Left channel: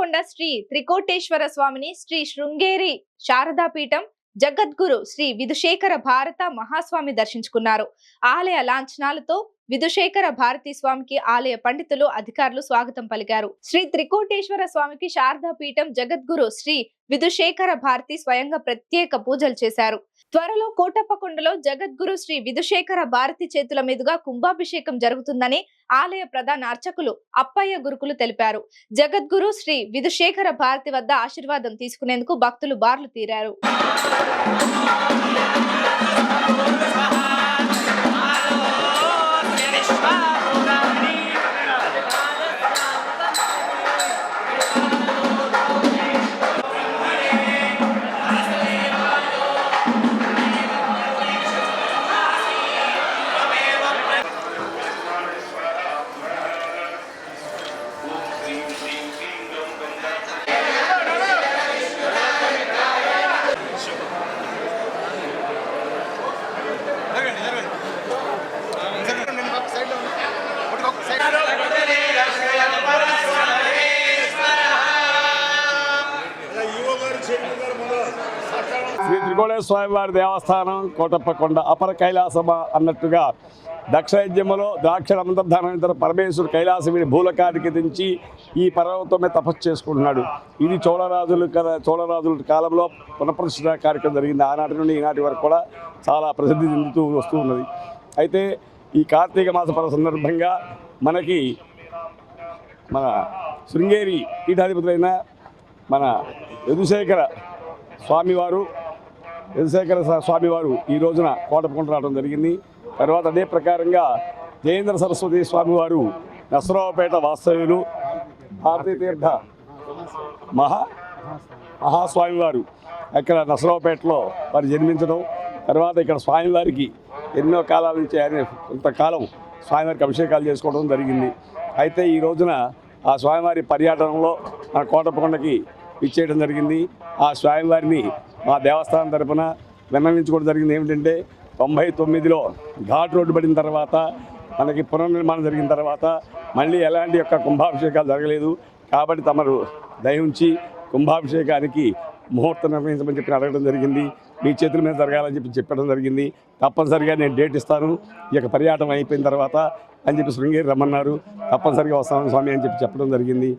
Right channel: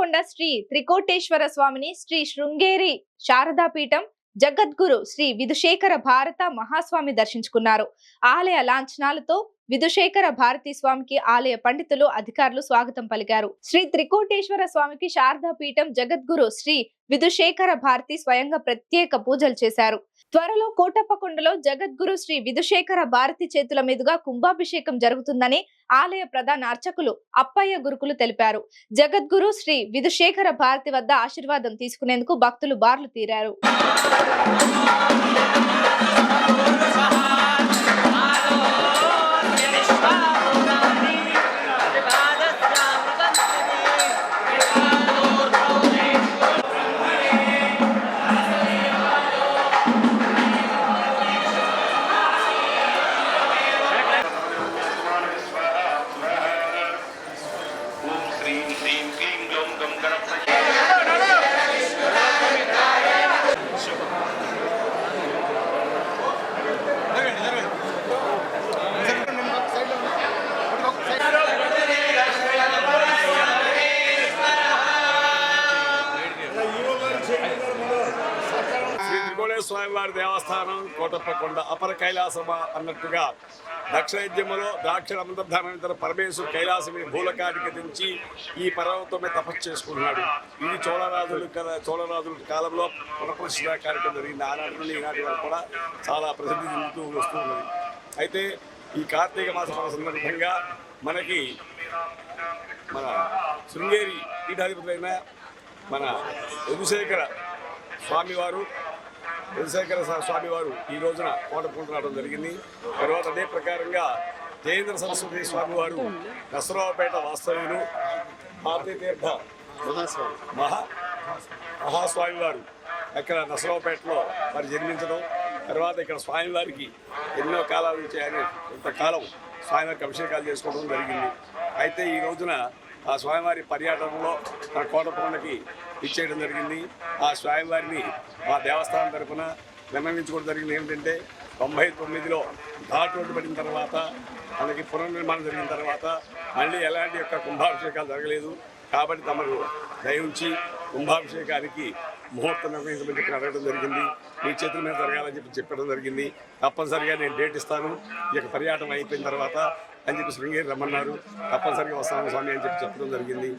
కోటప్పకొండ శ్రీ త్రికోటేశ్వర స్వామిని శ్రీ శృంగేరి శారదాపీఠం జగద్గురు శ్రీ విధుశేఖర భారత మహాస్వామి దర్శించుకున్నారు. ఆలయ లాంఛనాలతో విధుశేఖర భారతీ స్వామికి ఆలయ పండితులు అధికారులు స్వాగతం పలికారు. శ్రీ త్రికోటేశ్వర స్వామికి శారదా పీఠం జగద్గురు శ్రీ విధుశేఖర భారతి స్వయంగా ప్రత్యేక పూజలు చేశారు. త్వరలో కోటప్పకొండలో జగద్గురు శ్రీ విధుశేఖర భారతి చేతుల మీదుగా కుంభాభిషేకం జరుగుతుందని ఆలయ ప్రధాన అర్చకులు అప్పయ్య గురుకులు తెలిపారు. జగద్గురు శ్రీ విధుశేఖర భారతి వద్ద ఆశీర్వాదం తీసుకునేందుకు భక్తులు బార్లు తీరారు. శ్రీ త్రికోణేశ్వర స్వామి వారి దేవస్థానం కోటప్పకొండ అపర కైలాసమ అన్నట్టుగా దక్షయజ్ఞములో ద్రాక్షరమంతర్ధానంతర పరమేశ్వరుడు కైలాసమిని భూలకాడికి దించి ఈ పర్వతమే తపస్సు చేసుకుంటున్నాడు. ఇది చోళరాజులు కదా చోళరాజుల కాలంలో పునఃప్రతిష్ఠ కార్యక్రమం జరిగింది. ఆనాటి నుండి ఈనాటి వరకు కూడా చాలా ప్రసిద్ధి చెందుతూ వస్తూ ఉన్నది. అయితే ఈ కార్తీక మాస పర్వ సందర్భంగా మనకి మన శృంగేరి పీఠాధిపతులైన మన యదుశేఖర స్వామివారు యదుశేఖర స్వామివారు ఈ రోజున కోటపుకుంట రావడం జరిగింది. తర్వాత అదే ప్రకారంగా జయేంద్ర సరస్వతి స్వామివారు నసరావుపేట వాస్తవ్యులు భారతీ తీర్థ మహా మహాస్వామివారు అక్కడ నసరావుపేటలో వారు జన్మించడం తర్వాత ఇక్కడ స్వామివారికి ఎన్నో కాలాల నుంచి ఆయన కొంతకాలం స్వామివారికి అభిషేకాలు చేసుకోవడం జరిగింది. అయితే ఈ రోజున ఆ స్వామివారి పర్యాటనలో మన కోటప్పకొండకి ఇచ్చేయడం జరిగింది. ఆ స్వామివారిని మా దేవస్థానం తరపున విన్నవించుకోవడం జరిగింది. ఏమిటంటే తొంభై తొమ్మిదిలో ఘాట్ రోడ్డు పడిన తర్వాత మనకి పునర్నిర్మాణం జరిగిన తర్వాత మళ్ళీ ఎలాంటి యొక్క కుంభాభిషేకాలు జరగలేదు. కాబట్టి తమరు దయించి కుంభాభిషేకానికి ముహూర్తం నిర్ణయించమని చెప్పి అడగడం జరిగింది. మీ చేతుల మీద జరగాలని చెప్పి చెప్పడం జరిగింది. తప్పనిసరిగా నేను డేట్ ఇస్తాను. ఈ యొక్క అయిపోయిన తర్వాత అని చెప్పి శృంగేరి రమ్మన్నారు. తప్పనిసరిగా వస్తాను స్వామి అని చెప్పి చెప్పడం జరిగింది.